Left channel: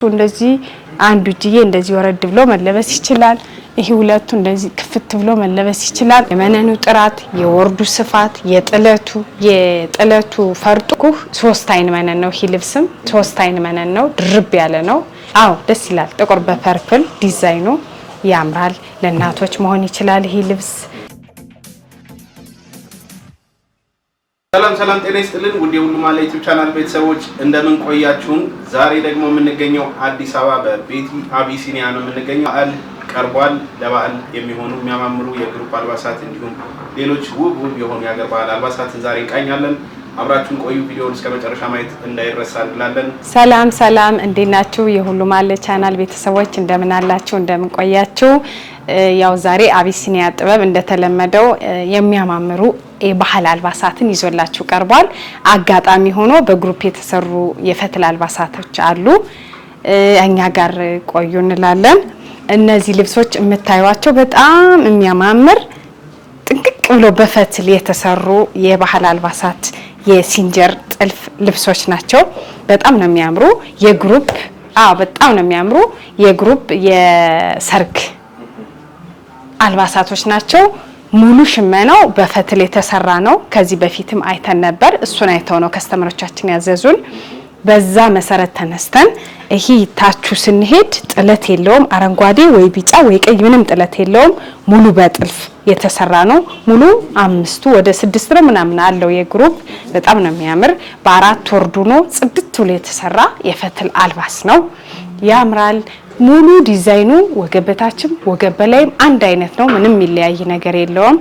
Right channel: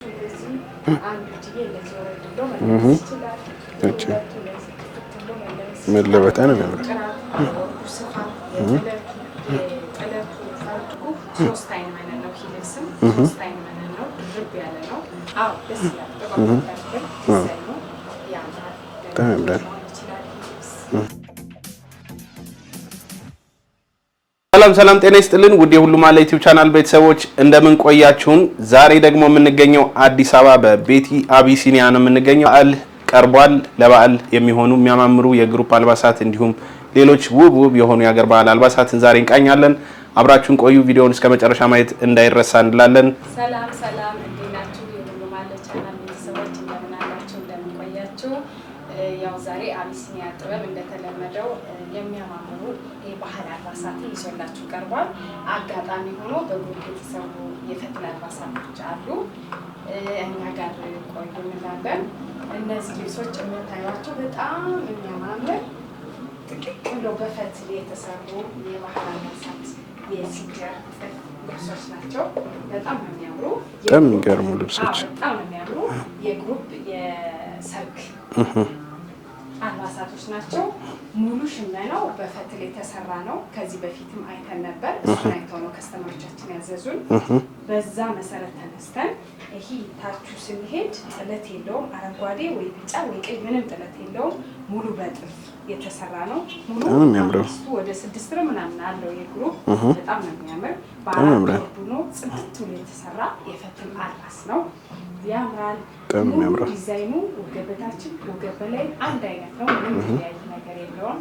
እንደዚህ አንዱ ጂዬ እንደዚህ ወረድ ብሎ መለበስ ይችላል። ይሄ ሁለቱ እንደዚህ ክፍት ብሎ መለበስ ይችላል። የመነኑ ጥራት፣ የወርዱ ስፋት፣ የጥለቱ ፈርጡ ሶስት አይን መነን ነው። ይሄ ልብስም ሶስት አይን መነን ነው። ድርብ ያለ ነው። አዎ ደስ ይላል። ጥቁር በፐርፕል ዲዛይኑ ያምራል። ለእናቶች መሆን ይችላል ይሄ ልብስ። ሰላም ጤና ይስጥልን ውድ የሁሉም አለ ዩቲዩብ ቻናል ቤተሰቦች እንደምን ቆያችሁን? ዛሬ ደግሞ የምንገኘው አዲስ አበባ በቤቲ አቢሲኒያ ነው የምንገኘው። በዓል ቀርቧል። ለበዓል የሚሆኑ የሚያማምሩ የግሩፕ አልባሳት እንዲሁም ሌሎች ውብ የሆኑ የሀገር ባህል አልባሳትን ዛሬ እንቃኛለን። አብራችሁን ቆዩ። ቪዲዮውን እስከ መጨረሻ ማየት እንዳይረሳ እንላለን። ሰላም እንዴት ናችሁ? የሁሉም አለ ቻናል ቤተሰቦች እንደምን አላችሁ? እንደምን ቆያችሁ? ያው ዛሬ አቢሲኒያ ጥበብ እንደተለመደው የሚያማምሩ የባህል አልባሳትን ይዞላችሁ ቀርቧል። አጋጣሚ ሆኖ በግሩፕ የተሰሩ የፈትል አልባሳቶች አሉ። እኛ ጋር ቆዩ እንላለን። እነዚህ ልብሶች የምታዩዋቸው በጣም የሚያማምር ጥንቅቅ ብሎ በፈትል የተሰሩ የባህል አልባሳት የሲንጀር ጥልፍ ልብሶች ናቸው። በጣም ነው የሚያምሩ። የግሩፕ በጣም ነው የሚያምሩ። የግሩፕ የሰርግ አልባሳቶች ናቸው። ሙሉ ሽመናው በፈትል የተሰራ ነው። ከዚህ በፊትም አይተን ነበር። እሱን አይተው ነው ከስተመሮቻችን ያዘዙን። በዛ መሰረት ተነስተን ይሄ ታቹ ስንሄድ ጥለት የለውም። አረንጓዴ ወይ ቢጫ ወይ ቀይ ምንም ጥለት የለውም። ሙሉ በጥልፍ የተሰራ ነው። ሙሉ አምስቱ ወደ 6 ነው ምናምን አለው የግሩፕ። በጣም ነው የሚያምር። በአራት ወርዱ ነው ጽድት ብሎ የተሰራ የፈትል አልባስ ነው። ያምራል። ሙሉ ዲዛይኑ ወገብ በታችም ወገብ በላይም አንድ አይነት ነው። ምንም የሚለያይ ነገር የለውም።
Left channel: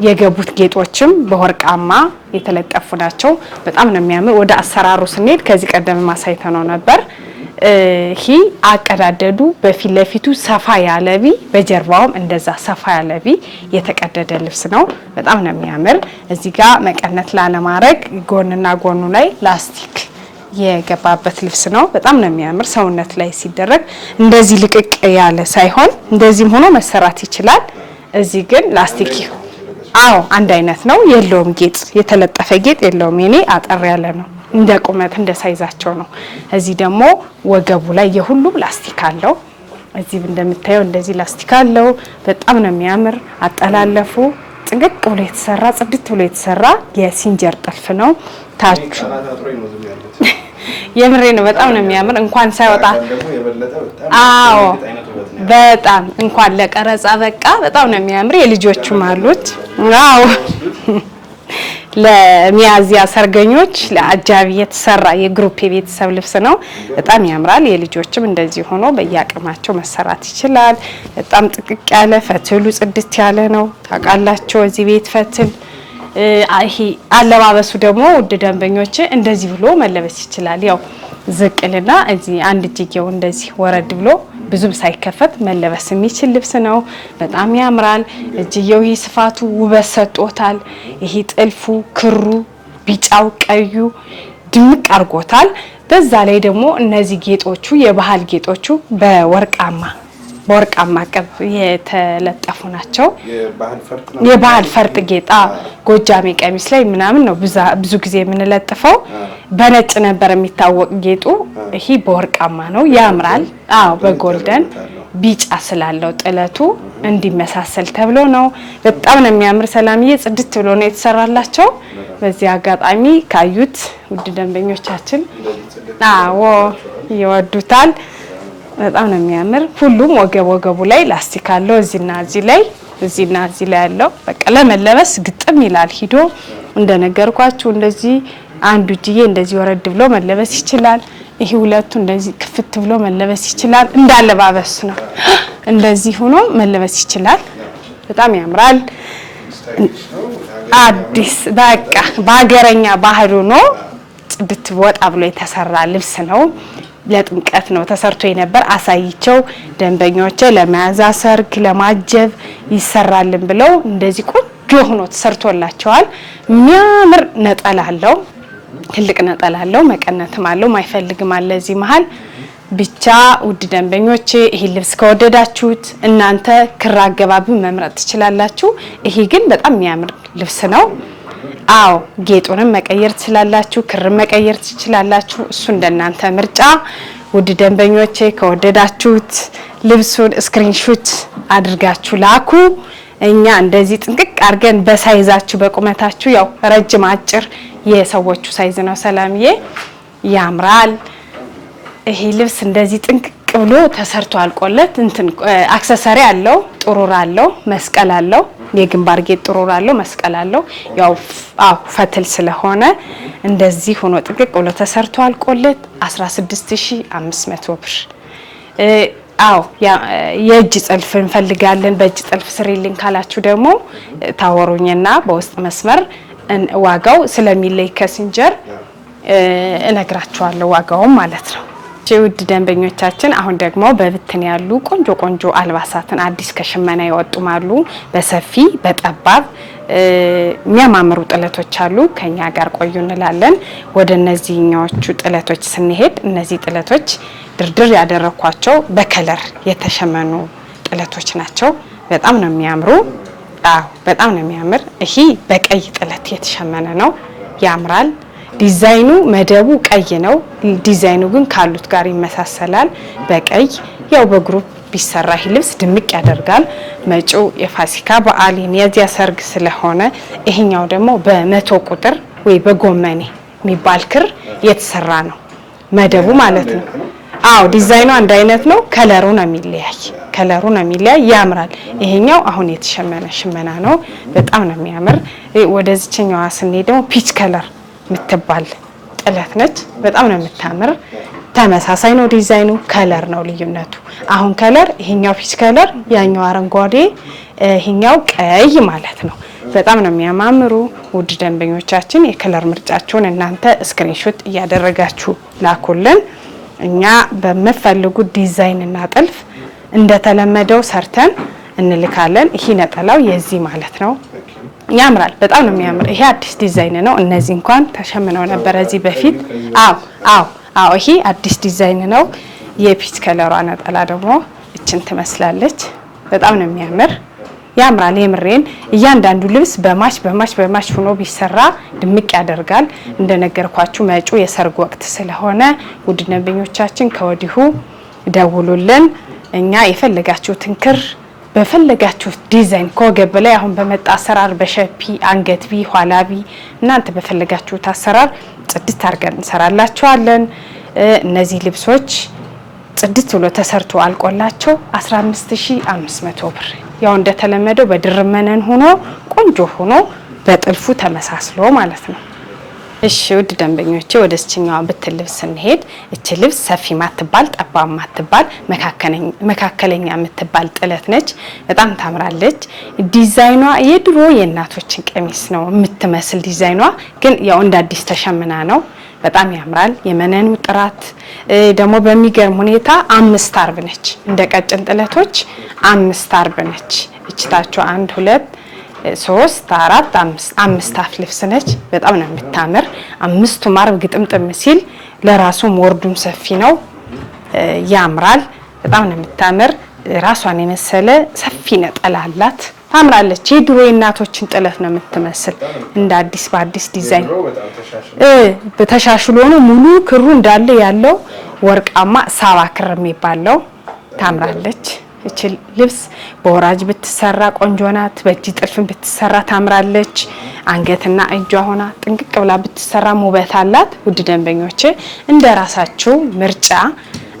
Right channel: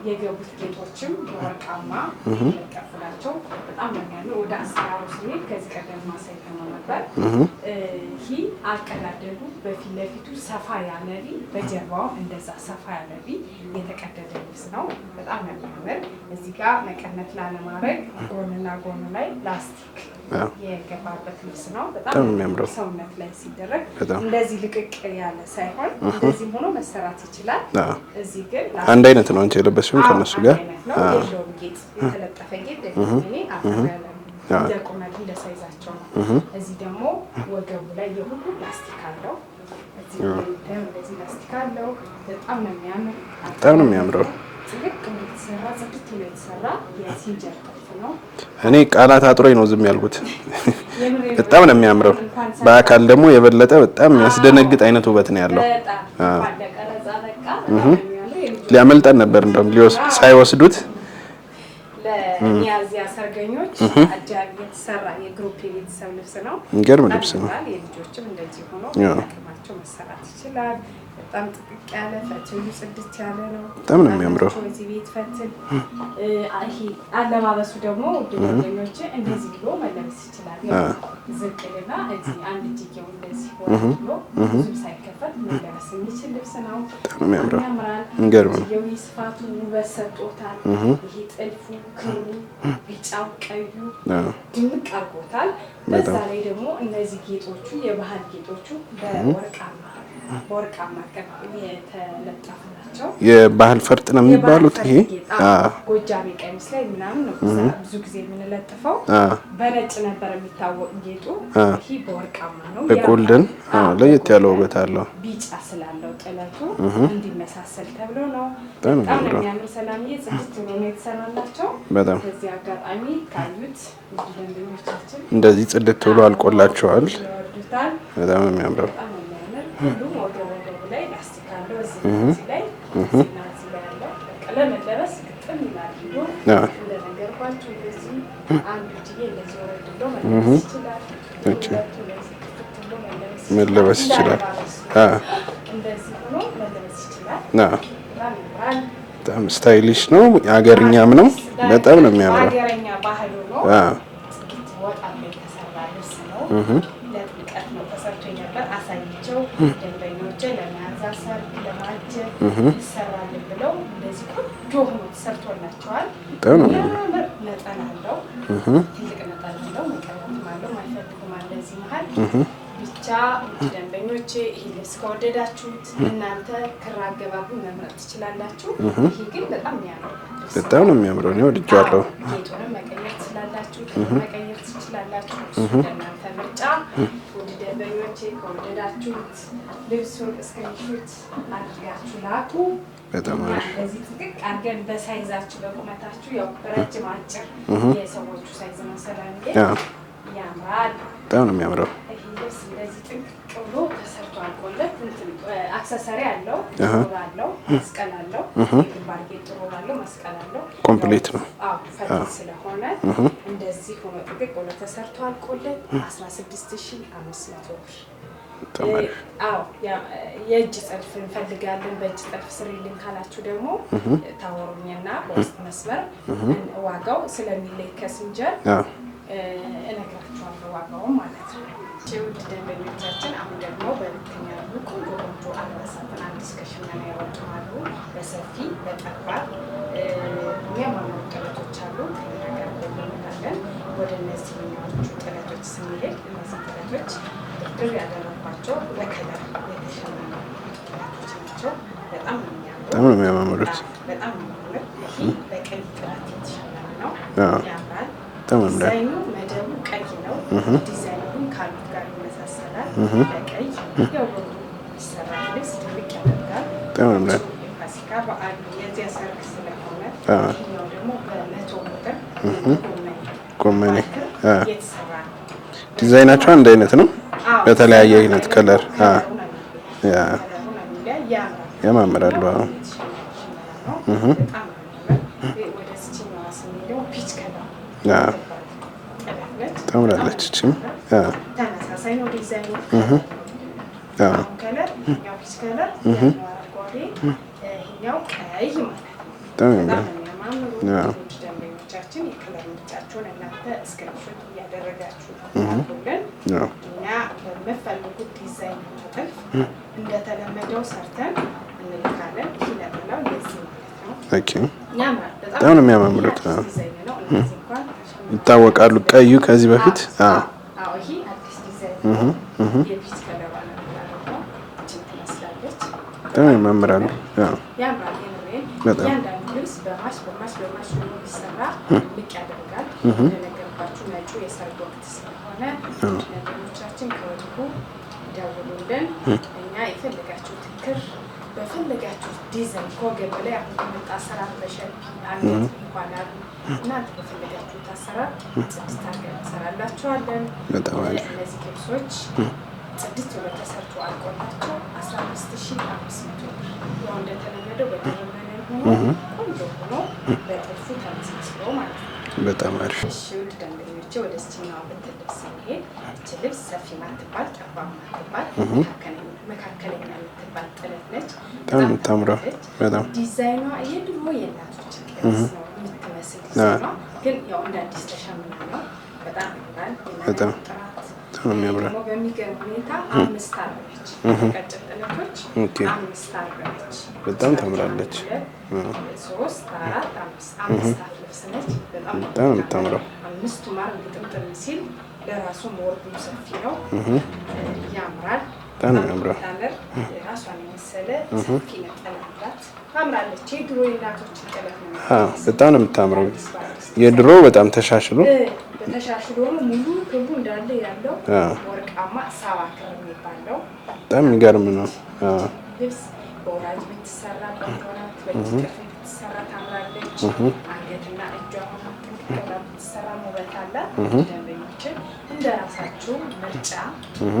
የገቡት ጌጦችም በወርቃማ የተለጠፉ ናቸው። በጣም ነው የሚያምር። ወደ አሰራሩ ስንሄድ ከዚህ ቀደም ማሳይተነው ነበር። ይሄ አቀዳደዱ በፊት ለፊቱ ሰፋ ያለቢ፣ በጀርባውም እንደዛ ሰፋ ያለቢ የተቀደደ ልብስ ነው። በጣም ነው የሚያምር። እዚህ ጋር መቀነት ላለማድረግ ጎንና ጎኑ ላይ ላስቲክ የገባበት ልብስ ነው። በጣም ነው የሚያምር። ሰውነት ላይ ሲደረግ እንደዚህ ልቅቅ ያለ ሳይሆን እንደዚህም ሆኖ መሰራት ይችላል። እዚህ ግን ላስቲክ አንድ አይነት ነው። የለውም ጌጥ፣ የተለጠፈ ጌጥ የለውም። የኔ አጠር ያለ ነው። እንደ ቁመት እንደ ሳይዛቸው ነው። እዚህ ደግሞ ወገቡ ላይ የሁሉም ላስቲክ አለው። እዚህ እንደምታየው እንደዚህ ላስቲክ አለው። በጣም ነው የሚያምር። አጠላለፉ ጥንቅቅ ብሎ የተሰራ ጽድት ብሎ የተሰራ የሲንጀር ጥልፍ ነው። ታኔ ቃላት አጥሮኝ ነው ዝም ያልኩት። የምሬ ነው። በጣም ነው የሚያምር። እንኳን ሳይወጣ አካል ደግሞ የበለጠ በጣም ያስደነግጥ አይነት ውበት ነው ያለው። በጣም እንኳን ለቀረጻ በቃ በጣም ነው የሚያምር። የልጆቹ ማለት ሳይወስዱት ለሚያዚያ ሰርገኞች ለአጃቢ የተሰራ የግሩፕ የቤተሰብ ልብስ ነው። በጣም ያምራል። የልጆችም እንደዚህ ሆኖ በያቅማቸው መሰራት ይችላል። በጣም ጥቅቅ ያለ ፈትሉ ጽድት ያለ ነው። ታውቃላችሁ እዚህ ቤት ፈትል ይሄ አለባበሱ ደግሞ ውድ ደንበኞች እንደዚህ ብሎ መለበስ ይችላል። ያው ዝቅልና እዚህ አንድ እጅጌው እንደዚህ ወረድ ብሎ ብዙም ሳይከፈት መለበስ የሚችል ልብስ ነው። በጣም ያምራል። እጅጌው ይሄ ስፋቱ ውበት ሰጥቶታል። ይሄ ጥልፉ፣ ክሩ፣ ቢጫው፣ ቀዩ ድምቅ አርጎታል። በዛ ላይ ደግሞ እነዚህ ጌጦቹ የባህል ጌጦቹ በወርቃማ ቅብ የተለጠፉ ናቸው። የባህል ፈርጥ ነው። የባህል ፈርጥ ጌጣ ጎጃሜ ቀሚስ ላይ ምናምን ነው ብዙ ጊዜ የምንለጥፈው። በነጭ ነበር የሚታወቅ ጌጡ። ይሄ በወርቃማ ነው። ያምራል። በጎልደን ቢጫ ስላለው ጥለቱ እንዲመሳሰል ተብሎ ነው። በጣም ነው የሚያምር። ሰላምዬ ጽድት ብሎ ነው የተሰራላቸው። በዚህ አጋጣሚ ካዩት ውድ ደንበኞቻችን እንደዚህ ጽድት ብሎ አልቆላቸዋል። ይወዱታል። በጣም ነው የሚያምር። ሁሉም ወገቡ ላይ ላስቲክ አለው። እዚህና እዚህ ላይ ያለው በቃ ለመለበስ ግጥም ይላል። ሂዶ እንደነገርኳችሁ እንደዚህ አንዱ ጂዬ እንደዚህ ወረድ ብሎ መለበስ ይችላል። ይሄ ሁለቱ እንደዚህ ክፍት ብሎ መለበስ ይችላል። እንዳለባበስ ነው። እንደዚህ ሆኖ መለበስ ይችላል። በጣም ያምራል። በጣም ስታይሊሽ ነው። ያገረኛ ምንም ባገረኛ ባህሉ ነው። ጽድት ወጣ ብሎ የተሰራ ልብስ ነው። ለጥምቀት ነው ተሰርቶ የነበር። አሳይቸው ደንበኞቼ ለመያዛ ሰርግ ለማጀብ ይሰራልን ብለው እንደዚህ ቆንጆ ሆኖ ተሰርቶላቸዋል። የሚያምር ነጠላ አለው። ትልቅ ነጠላ አለው መቀነትም አለው ማይፈልግም አለ እዚህ መሃል ብቻ ውድ ደንበኞቼ ይሄ ልብስ ከወደዳችሁት እናንተ ክር አገባብን መምረጥ ትችላላችሁ ይሄ ግን በጣም የሚያምር ልብስ ነው አዎ ጌጡንም መቀየር ትችላላችሁ ክር መቀየር ትችላላችሁ እሱ እንደናንተ ምርጫ ውድ ደንበኞቼ ከወደዳችሁት ልብሱን ስክሪንሾት አድርጋችሁ ላኩ እኛ እንደዚህ ጥንቅቅ አርገን በሳይዛችሁ በቁመታችሁ ያው ረጅም አጭር የሰዎቹ ሳይዝ ነው ሰላምዬ ያምራል በጣም ነው የሚያምረው ይሄ ልብስ እንደዚህ ጥንቅቅ ብሎ ተሰርቶ አልቆለት እንትን አክሰሰሪ አለው ጥሩር አለው መስቀል አለው የግንባር ጌጥ ጥሩር አለው መስቀል አለው ያው አው ፈትል ስለሆነ እንደዚህ ሆኖ ጥንቅቅ ብሎ ተሰርቶ አልቆለት 16500 ብር አው የእጅ ጥልፍ እንፈልጋለን በእጅ ጥልፍ ስሪልን ካላችሁ ደግሞ ታወሩኝና በውስጥ መስመር ዋጋው ስለሚለይ ከሲንጀር እነግራችኋለሁ ዋጋውን ማለት ነው ውድ ደንበኞቻችን አሁን ደግሞ በብትን ያሉ ቆንጆ አልባሳትን አዲስ ከሽመና ይወጡማሉ በሰፊ በጠባብ የሚያማምሩ ጥለቶች አሉ ከኛ ጋር ቆዩ እንላለን ወደ እነዚህኛዎቹ ጥለቶች ስንሄድ እነዚህ ጥለቶች ድርድር ያደረኳቸው በከለር የተሸመኑ ጥለቶች ናቸው በጣም ነው የሚያምሩ አዎ በጣም ነው የሚያምር ይሄ በቀይ ጥለት የተሸመነ ነው ያምራል ዲዛይኑ መደቡ ቀይ ነው ዲዛይኑ ግን ካሉት ጋር ይመሳሰላል በቀይ ያው በግሩፕ ቢሰራ ይሄ ልብስ ድምቅ ያደርጋል መጪው የፋሲካ በዓል የሚያዚያ ሰርግ ስለሆነ ይሄኛው ደግሞ በ100 ቁጥር ወይ በጎመኔ የሚባል ክር የተሰራ ነው መደቡ ማለት ነው አው ዲዛይኑ አንድ አይነት ነው ከለሩ ነው የሚለያይ ያምራል ይሄኛው አሁን የተሸመነ ሽመና ነው በጣም ነው የሚያምር ወደዚህኛው ስንሄድ ደግሞ ፒች ከለር ትባል ጥለት ነች በጣም ነው የምታምር ተመሳሳይ ነው ዲዛይኑ ከለር ነው ልዩነቱ አሁን ከለር ይሄኛው ፒች ከለር ያኛው አረንጓዴ ይሄኛው ቀይ ማለት ነው በጣም ነው የሚያማምሩ ውድ ደንበኞቻችን የከለር ምርጫቸውን እናንተ ስክሪንሾት እያደረጋችሁ ላኩልን እኛ በመፈልጉት ዲዛይን እና ጥልፍ እንደተለመደው ሰርተን እንልካለን ይሄ ነጠላው የዚህ ማለት ነው ያምራል በጣም ነው የሚያምር ይሄ አዲስ ዲዛይን ነው እነዚህ እንኳን ተሸምነው ነበር እዚህ በፊት አዎ ይሄ አዲስ ዲዛይን ነው የፒች ከለሯ ነጠላ ደግሞ እችን ትመስላለች በጣም ነው የሚያምር ያምራል የምሬን እያንዳንዱ ልብስ በማች ሆኖ ቢሰራ ድምቅ ያደርጋል እንደነገርኳችሁ መጪው የሰርግ ወቅት ስለሆነ ውድ ደንበኞቻችን ከወዲሁ ደውሉልን እኛ የፈለጋችሁትን ክር በፈለጋችሁት ዲዛይን ከወገብ ላይ አሁን በመጣ አሰራር በሸፒ አንገት ቢ ኋላቢ እናንተ በፈለጋችሁት አሰራር ጽድት አድርገን እንሰራላችኋለን እነዚህ ልብሶች ጽድት ብሎ ተሰርቶ አልቆላቸው 15500 ብር ያው እንደተለመደው በድርመነን ሆኖ ቆንጆ ሆኖ በጥልፉ ተመሳስሎ ማለት ነው በጣም አሪፍ እሺ ውድ ደንበኞቼ ወደስችኛው ብትል ልብስ እንሄድ እቺ ልብስ ሰፊ ማትባል ጠባብ ማትባል መካከለኛ የምትባል ጥለት ነች በጣም ታምራለች ዲዛይኗ የድሮ የእናቶችን ቀሚስ ነው የምትመስል ዲዛይኗ ግን ያው እንደ አዲስ ተሸምና ነው በጣም ያምራል የመነኑ ጥራት ደግሞ በሚገርም ሁኔታ 5 አርብ ነች እንደ ቀጭን ጥለቶች 5 አርብ ነች እችታቸው 1 2 3 4 5 አፍ ልብስ ነች በጣም ነው የምታምር 5 አርብ ግጥምጥም ሲል ለራሱም ወርዱም ሰፊ ነው ያምራል በጣም ነው የምታምር ራሷን የመሰለ ሰፊ ነጠላ አላት ታምራለች የድሮ እናቶችን ጥለት ነው የምትመስል እንደ አዲስ በአዲስ ዲዛይን የድሮ በጣም ተሻሽሎ ነው ሙሉ ክሩ እንዳለ ያለው ወርቃማ ሳባ ክር የሚባለው ታምራለች እቺ ልብስ በወራጅ ብትሰራ ቆንጆ ናት በእጅ ጥልፍን ብትሰራ ታምራለች አንገትና እጇ ሆና ጥንቅቅ ብላ ብትሰራ ውበት አላት ውድ ደንበኞቼ እንደራሳችሁ ምርጫ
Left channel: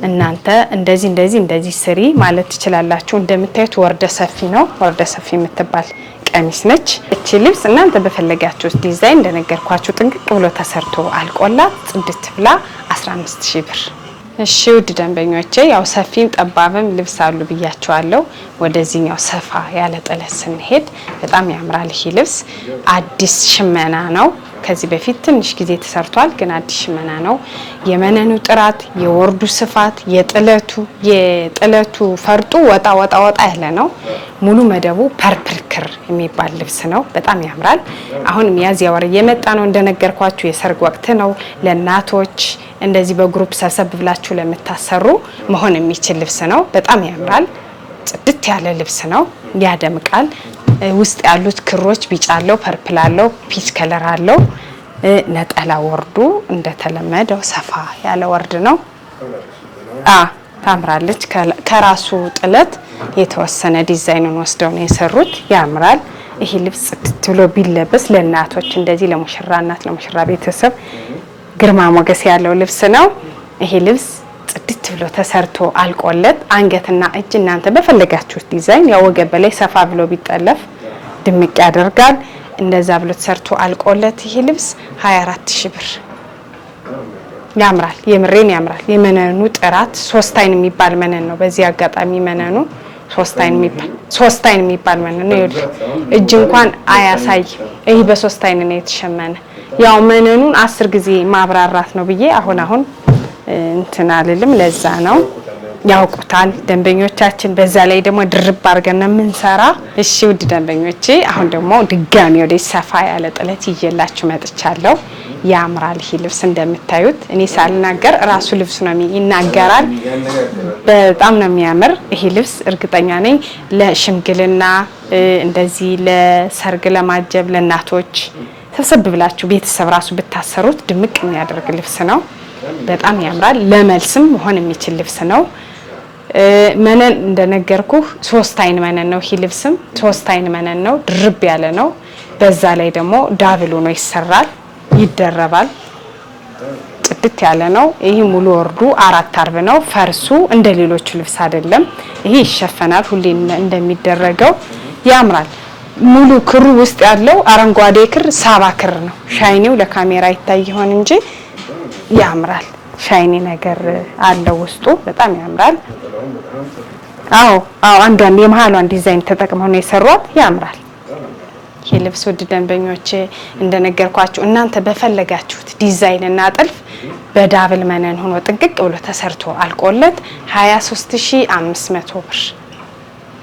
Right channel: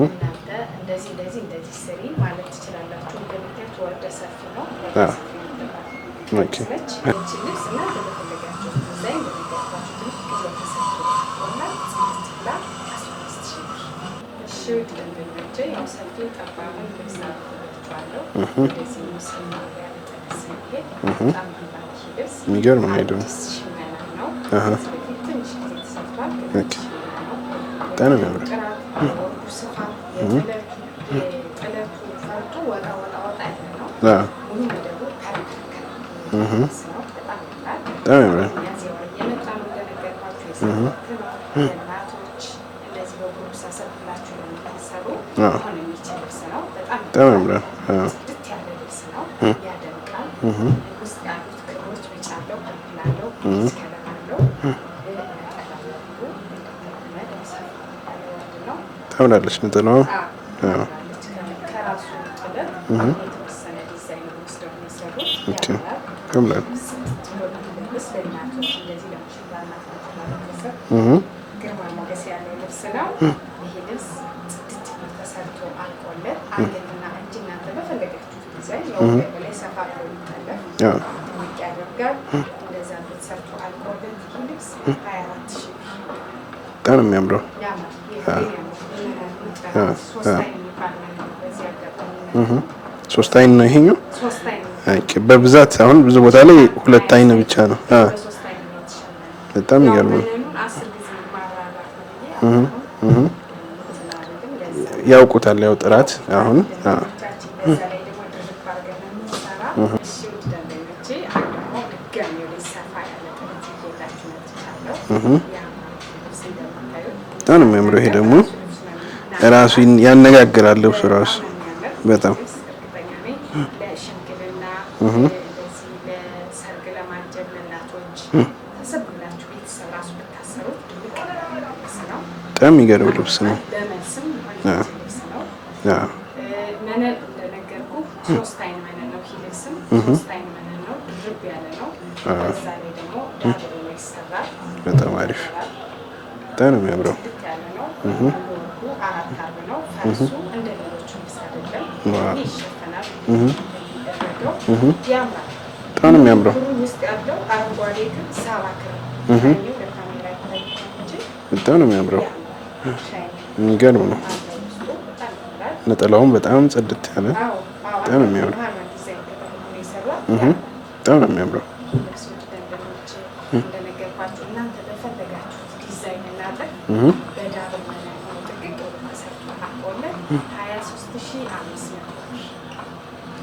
እናንተ እንደዚህ ስሪ ማለት ትችላላችሁ እንደምታዩት ወርደ ሰፊ ነው ወርደ ሰፊ የምትባል ቀሚስ ነች እቺ ልብስ እናንተ በፈለጋችሁት ዲዛይን እንደነገርኳችሁ ጥንቅቅ ብሎ ተሰርቶ አልቆላት ጽድት ብላ 15000 ብር እሺ ውድ ደንበኞቼ ያው ሰፊም ጠባብም ልብስ አሉ ብያቸዋለሁ ወደዚህኛው ሰፋ ያለ ጥለት ስንሄድ በጣም ያምራል ይሄ ልብስ አዲስ ሽመና ነው ከዚህ በፊት ትንሽ ጊዜ ተሰርቷል ግን አዲስ ሽመና ነው የመነኑ ጥራት፣ የወርዱ ስፋት፣ የጥለቱ ፈርጡ ወጣ ያለ ነው። ሙሉ መደቡ ፐርፕል ክር የሚባል ልብስ ነው። በጣም ያምራል። አሁን ሚያዝያ ወር እየመጣ ነው እንደነገርኳችሁ፣ የሰርግ ወቅት ነው። ለእናቶች እንደዚህ በግሩፕ ሰብሰብ ብላችሁ ለምታሰሩ መሆን የሚችል ልብስ ነው። በጣም ያምራል። ጽድት ያለ ልብስ ነው። ያደምቃል። ውስጥ ያሉት ክሮች ቢጫ አለው፣ ፐርፕል አለው፣ ፒች ከለር አለው። ነጠላ ወርዱ እንደተለመደው ሰፋ ያለ ወርድ ነው። ታምራለች ነጠላው። ታምራለች። ከራሱ ጥለት የተወሰነ ዲዛይኑን ወስደው ነው የሰሩት። ያምራል። ይሄ ልብስ ጽድት ብሎ ቢለበስ ለእናቶች እንደዚህ ለሙሽራ እናት ለሙሽራ ቤተሰብ ግርማ ሞገስ ያለው ልብስ ነው። ይሄ ልብስ ጽድት ብሎ ተሰርቶ አልቆለት አንገትና እጅ እናንተ በፈለጋችሁት ዲዛይን ያው ወገብ በላይ ሰፋ ብሎ ቢጠለፍ ድምቅ ያደርጋል። እንደዛ ብሎ ተሰርቶ አልቆለት ይሄ ልብስ 24000 ብር። በጣም የሚያምረው ያምራል። የምሬን ያምራል። የመነኑ ጥራት 3 አይን የሚባል መነን ነው። በዚህ አጋጣሚ መነኑ 3 አይን የሚባል መነን ነው። በብዛት አሁን ብዙ ቦታ ላይ 2 አይን ብቻ ነው። ይሄ በ3 አይን ነው የተሸመነ። ያው መነኑን 10 ጊዜ ማብራራት ነው ብዬ አሁን እንትን አልልም። ለዛ ነው ያውቁታል ደንበኞቻችን። በዛ ላይ ደግሞ ድርብ አድርገን ነው የምንሰራ። እሺ ውድ ደንበኞቼ፣ አሁን ደግሞ ድጋሚ ወደ ሰፋ ያለ ጥለት ይዤላችሁ መጥቻለሁ። ያምራል። ይሄ ልብስ እንደምታዩት እኔ ሳልናገር ራሱ ልብሱ ነው ይናገራል። በጣም ነው የሚያምር ይሄ ልብስ። እርግጠኛ ነኝ ለሽምግልና እንደዚህ ለሰርግ ለማጀብ ለእናቶች ሰብሰብ ብላችሁ ቤተሰብ ራሱ ብታሰሩት ድምቅ የሚያደርግ ልብስ ነው። በጣም ያምራል። ለመልስም መሆን የሚችል ልብስ ነው። መነን እንደነገርኩህ 3 አይን መነን ነው። ይሄ ልብስም 3 አይን መነን ነው። ድርብ ያለ ነው። በዛ ላይ ደግሞ ዳብል ሆኖ ይሰራል፣ ይደረባል። ጽድት ያለ ነው። ይሄ ሙሉ ወርዱ 4 አርብ ነው። ፈርሱ እንደ ሌሎቹ ልብስ አይደለም። ይሄ ይሸፈናል ሁሌ እንደሚደረገው። ያምራል። ሙሉ ክሩ ውስጥ ያለው አረንጓዴ ክር ሳባ ክር ነው። ሻይኒው ለካሜራ ይታይ ይሆን እንጂ ያምራል። ሻይኒ ነገር አለው ውስጡ። በጣም ያምራል። ነጠላውም በጣም ጽድት ያለ። አንዳንድ የመሃሏን ዲዛይን ተጠቅመው ነው የሰሯት። ያምራል። በጣም የሚያምረው ይሄ ልብስ ውድ ደንበኞቼ እንደነገርኳችሁ እናንተ በፈለጋችሁት ዲዛይን እና ጥልፍ በዳብል መነን ሆኖ ጥንቅቅ ብሎ ተሰርቶ አልቆለት 23500 ብር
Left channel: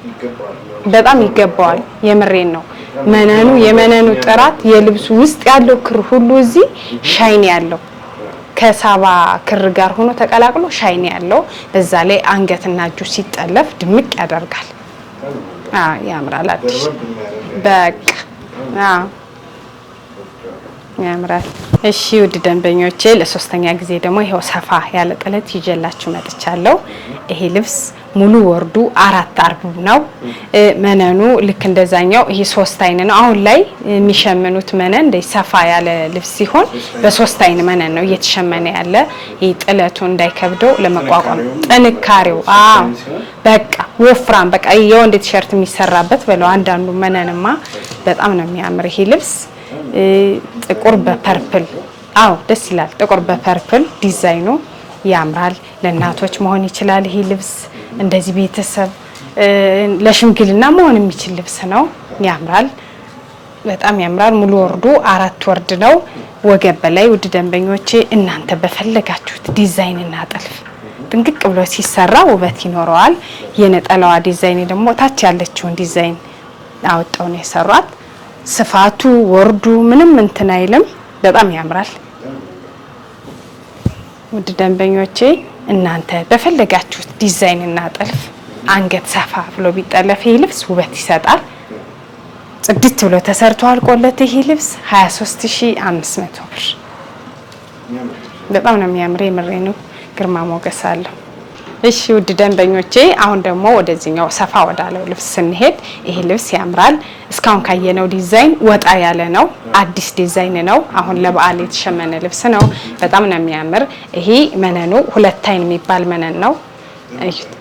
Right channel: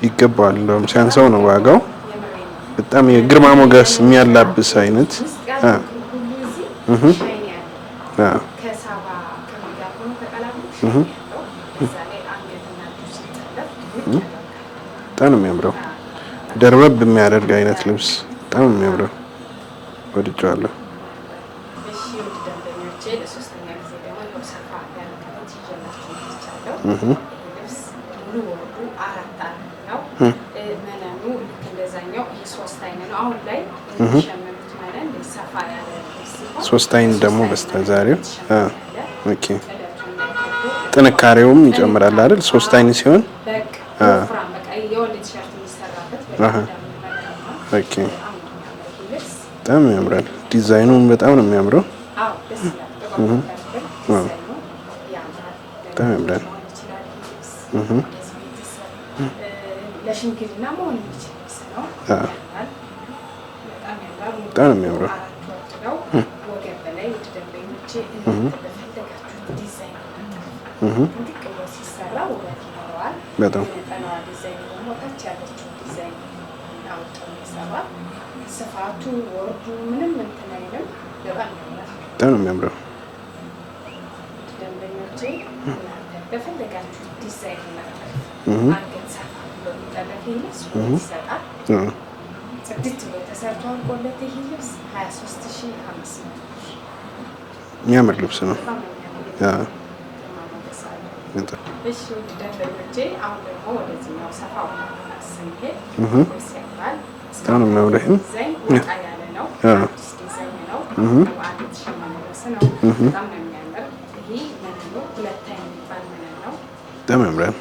ይገባል። በጣም ይገባል። የምሬን ነው። የመነኑ ጥራት የልብሱ ውስጥ ያለው ክር ሁሉ እዚህ ሻይኒ ያለው ከሳባ ክር ጋር ሆኖ ተቀላቅሎ ሻይኒ ያለው፣ በዛ ላይ አንገትና እጁ ሲጠለፍ ድምቅ ያደርጋል። በጣም የሚያምረው ያምራል። ደርበብ የሚያደርግ አይነት ልብስ በጣም የሚያምረው ወድጃለሁ። ያምራል። እሺ ውድ ደንበኞቼ፣ ለሶስተኛ ጊዜ ደግሞ ይሄው ሰፋ ያለ ጥለት ይዤላችሁ መጥቻለሁ። ይሄ ልብስ ሙሉ ወርዱ 4 አርብ ነው። መነኑ ልክ እንደዛኛው ይሄ 3 አይን ነው። አሁን ላይ የሚሸምኑት መነን እንደ ሰፋ ያለ ልብስ ሲሆን በ3 አይን መነን ነው እየተሸመነ ያለ። ይሄ ጥለቱ እንዳይከብደው ለመቋቋም ጥንካሬው 3 አይን ሲሆን በቃ ወፍራም በቃ የወንድ ቲሸርት የሚሰራበት በለው። አንዳንዱ መነንማ በጣም ነው የሚያምር ይሄ ልብስ። ጥቁር በፐርፕል ደስ ይላል። ጥቁር በፐርፕል ዲዛይኑ ያምራል። ለእናቶች መሆን ይችላል ይሄ ልብስ። እንደዚህ ቤተሰብ ለሽምግልና መሆን የሚችል ልብስ ነው። ያምራል። በጣም ያምራል። ሙሉ ወርዱ 4 ወርድ ነው። ወገብ በላይ ውድ ደንበኞቼ እናንተ በፈለጋችሁት ዲዛይን እና ጥልፍ ጥንቅቅ ብሎ ሲሰራ ውበት ይኖረዋል። የነጠላዋ ዲዛይን ደግሞ ታች ያለችውን ዲዛይን አውጣው ነው የሰሯት። ስፋቱ ወርዱ ምንም እንትን አይልም። በጣም ያምራል። በጣም የሚያምረው ውድ ደንበኞቼ እናንተ በፈለጋችሁት ዲዛይን እና ጥልፍ አንገት ሰፋ ብሎ ቢጠለፍ ይሄ ልብስ ውበት ይሰጣል። ጽድት ብሎ ተሰርቶ አልቆለት ይሄ ልብስ 23500 ብር። የሚያምር ልብስ ነው። በጣም ነው የሚያምር። የምሬ ነው። ግርማ ሞገስ አለው። እሺ ውድ ደንበኞቼ አሁን ደግሞ ወደዚህኛው ሰፋ ወዳለው ልብስ ስንሄድ ይሄ ልብስ ያምራል። እስካሁን ካየነው ዲዛይን ወጣ ያለ ነው። አዲስ ዲዛይን ነው። አሁን ለበዓል የተሸመነ ልብስ ነው። በጣም ነው የሚያምር። ይሄ መነኑ 2 አይን የሚባል መነን ነው።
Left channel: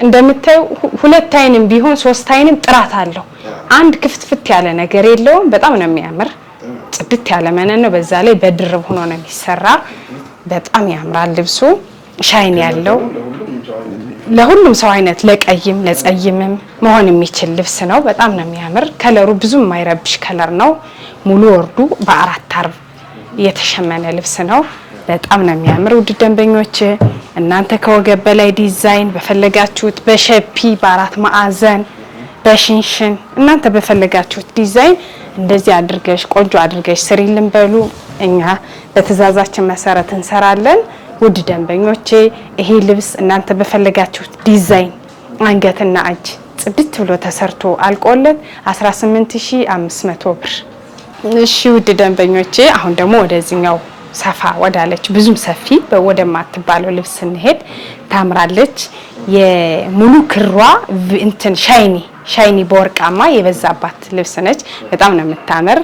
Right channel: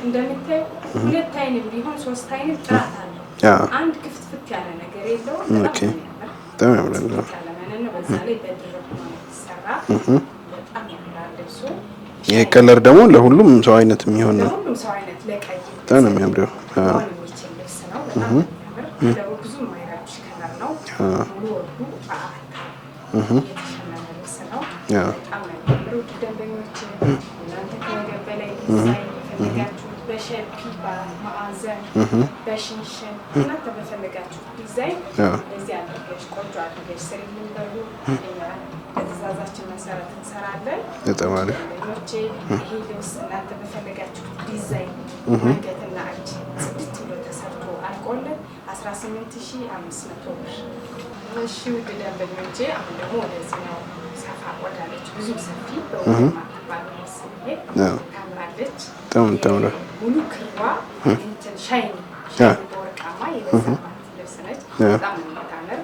እንደምታዩ 2 አይንም ቢሆን 3 አይንም ጥራት አለው። አንድ ክፍትፍት ያለ ነገር የለውም። በጣም ነው የሚያምር። ጽድት ያለ መነን ነው። በዛ ላይ በድርብ ሆኖ ነው የሚሰራ። በጣም ያምራል ልብሱ። ሻይን ያለው ደግሞ ለሁሉም ሰው አይነት የሚሆን ለሁሉም ሰው አይነት ለቀይም ለጸይምም መሆን የሚችል ልብስ ነው። በጣም ነው የሚያምር። ከለሩ ብዙም የማይረብሽ ከለር ነው። ሙሉ ወርዱ በ4 አርብ የተሸመነ ልብስ ነው። በጣም ነው የሚያምር። ውድ ደንበኞች እናንተ ከወገብ በላይ ዲዛይን በፈለጋችሁት በሸፒ በአራት ማዕዘን በሽንሽን እናንተ በፈለጋችሁት ዲዛይን እንደዚህ አድርገሽ ቆንጆ አድርገሽ ስሪልን በሉ። እኛ በትዕዛዛችን መሰረት እንሰራለን። ውድ ደንበኞቼ ይሄ ልብስ እናንተ በፈለጋችሁት ዲዛይን አንገትና እጅ ጽድት ብሎ ተሰርቶ አልቆለት 18500 ብር። እሺ ውድ ደንበኞቼ አሁን ደግሞ ወደዚህኛው ሰፋ ወዳለች ብዙም ሰፊ ወደማትባለው ልብስ እንሄድ። ታምራለች። የሙሉ ክሯ እንትን ሻይኒ በወርቃማ የበዛባት ልብስ ነች። በጣም ነው የምታምር።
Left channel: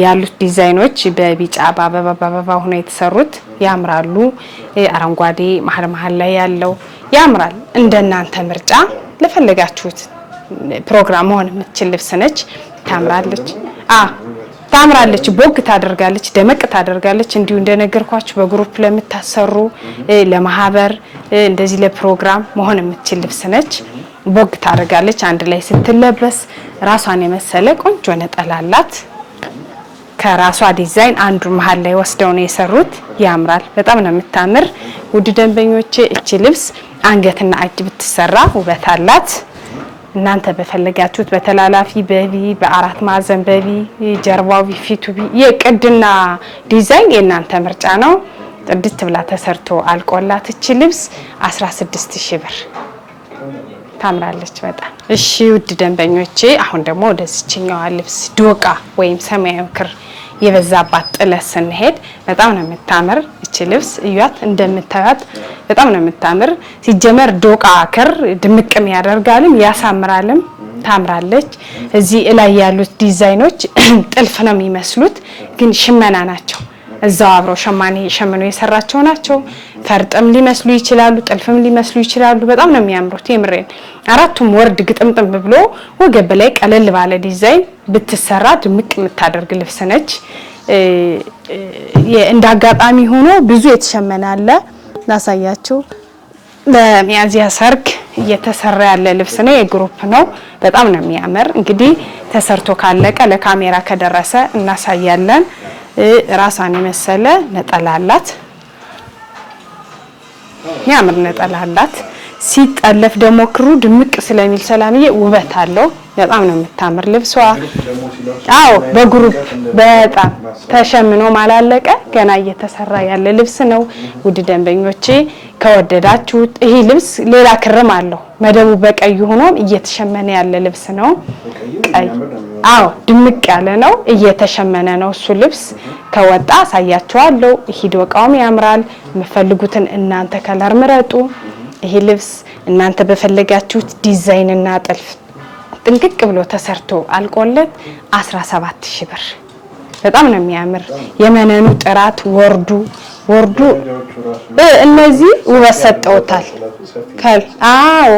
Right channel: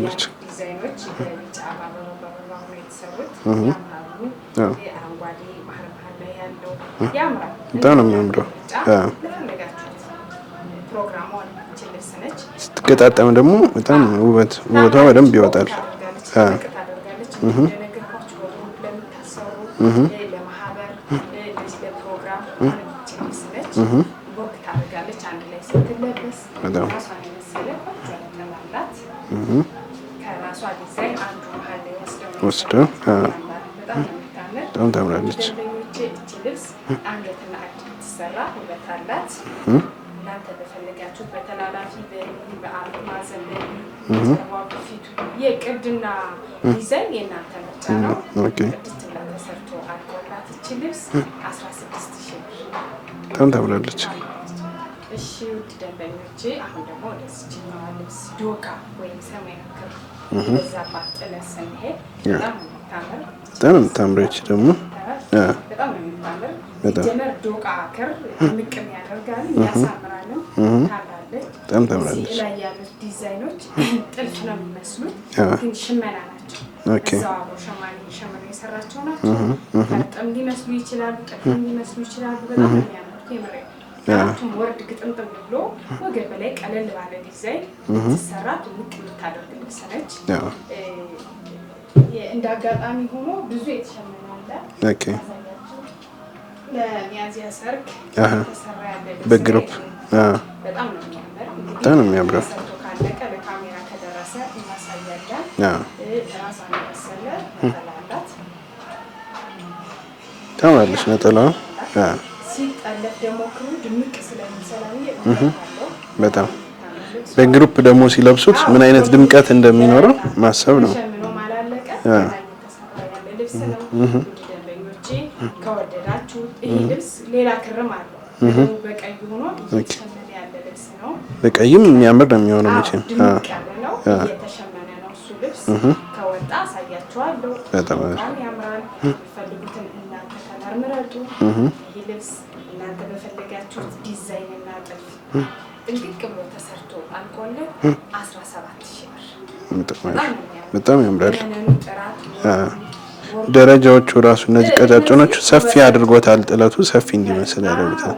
ያሉት ዲዛይኖች በቢጫ በአበባ ሆኖ የተሰሩት ያምራሉ። አረንጓዴ መሀል ላይ ያለው ያምራል። እንደናንተ ምርጫ ለፈለጋችሁት ፕሮግራም መሆን የምትችል ልብስ ነች። ታምራለች። ቦግ ታደርጋለች፣ ደመቅ ታደርጋለች። እንዲሁ እንደነገርኳችሁ በግሩፕ ለምታሰሩ ለማህበር እንደዚህ ለፕሮግራም መሆን የምትችል ልብስ ነች። ቦግ ታደርጋለች። አንድ ላይ ስትለበስ ራሷን የመሰለ ቆንጆ ነጠላ አላት። ከራሷ ዲዛይን አንዱ መሀል ላይ ወስደው ነው የሰሩት። ያምራል። በጣም ነው የምታምር። ውድ ደንበኞቼ እቺ ልብስ አንገትና እጅ ብትሰራ ውበት አላት። እናንተ በፈለጋችሁት በተላላፊ በቪ በአራት ማዕዘን በቪ ጀርባው ፊቱ የቅድና ዲዛይን የእናንተ ምርጫ ነው። ጥድት ብላ ተሰርቶ አልቆላት እቺ ልብስ 16000 ብር ታምራለች በጣም። እሺ ውድ ደንበኞቼ አሁን ደግሞ ወደዚህኛው ልብስ ዶቃ ወይም ሰማያዊ ክር የበዛባት ጥለት ስንሄድ በጣም ነው የምታምር። እቺ ልብስ ይያት እንደምታያት በጣም ነው የምታምር። ሲጀመር ዶቃ ክር ድምቅም ያደርጋልም ያሳምራልም። ታምራለች። እዚህ ላይ ያሉት ዲዛይኖች ጥልፍ ነው የሚመስሉት ግን ሽመና ናቸው። እዛው አብረው ሸማኔ ሸመኖ የሰራቸው ናቸው። ፈርጥም ሊመስሉ ይችላሉ፣ ጥልፍም ሊመስሉ ይችላሉ። በጣም ነው የሚያምሩት። የምሬን አራቱም ወርድ ግጥምጥም ብሎ ወገብ ላይ ቀለል ባለ ዲዛይን ብትሰራ ድምቅ የምታደርግ ልብስ ነች። እንዳጋጣሚ ሆኖ ብዙ የተሸመነ አለ። ላሳያችሁ። ለሚያዚያ ሰርግ እየተሰራ ያለ ልብስ ነው። የግሩፕ ነው። በጣም ነው የሚያምር። እንግዲህ ተሰርቶ ካለቀ ለካሜራ ከደረሰ እናሳያለን። ራሷን የመሰለ ነጠላ አላት። ያምር ነጠላ አላት። ሲጠለፍ ደግሞ ክሩ ድምቅ ስለሚል ሰላምዬ ውበት አለው። በጣም ነው የምታምር ልብሷ። በግሩፕ ደግሞ ሲለብሱ ምን አይነት ድምቀት እንደሚኖር ማሰብ ተሸምኖ ማላለቀ ገና እየተሰራ ያለ ልብስ ነው። ውድ ደንበኞቼ ከወደዳችሁት ይሄ ልብስ ሌላ ክርም አለው። መደቡ በቀይ ሆኖ እየተሸመነ ያለ ልብስ ነው። በቀይም የሚያምር ነው የሚሆነው። ድምቅ ያለ ነው። እየተሸመነ ነው እሱ ልብስ። ከወጣ አሳያችኋለሁ። ይሄ ዶቃውም ያምራል። የምትፈልጉትን እናንተ ከለር ምረጡ። ይሄ ልብስ እናንተ በፈለጋችሁት ዲዛይን እና ጥልፍ ጥንቅቅ ብሎ ተሰርቶ አልቆለት 17000 ብር። በጣም ነው የሚያምር። የመነኑ ጥራት ወርዱ ደረጃዎቹ ራሱ እነዚህ ሰፊ አድርጎታል። ጥለቱ ሰፊ ነው።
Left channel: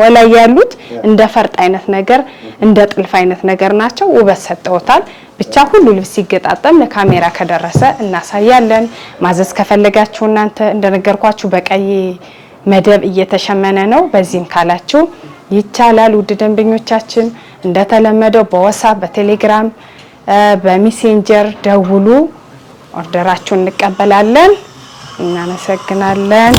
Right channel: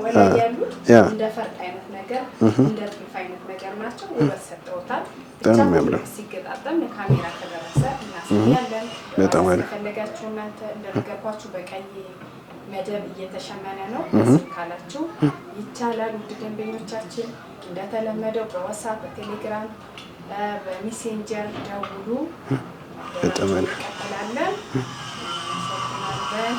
ወላይ ያሉት እንደ ፈርጥ አይነት ነገር እንደ ጥልፍ አይነት ነገር ናቸው። ውበት ሰጠውታል። ብቻ ሁሉ ልብስ ሲገጣጠም ለካሜራ ከደረሰ እናሳያለን። ማዘዝ ከፈለጋችሁ እናንተ እንደነገርኳችሁ በቀይ መደብ እየተሸመነ ነው። በዚህም ካላችሁ ይቻላል። ውድ ደንበኞቻችን እንደተለመደው በዋትስአፕ በቴሌግራም በሜሴንጀር ደውሉ። ኦርደራችሁን እንቀበላለን። እናመሰግናለን።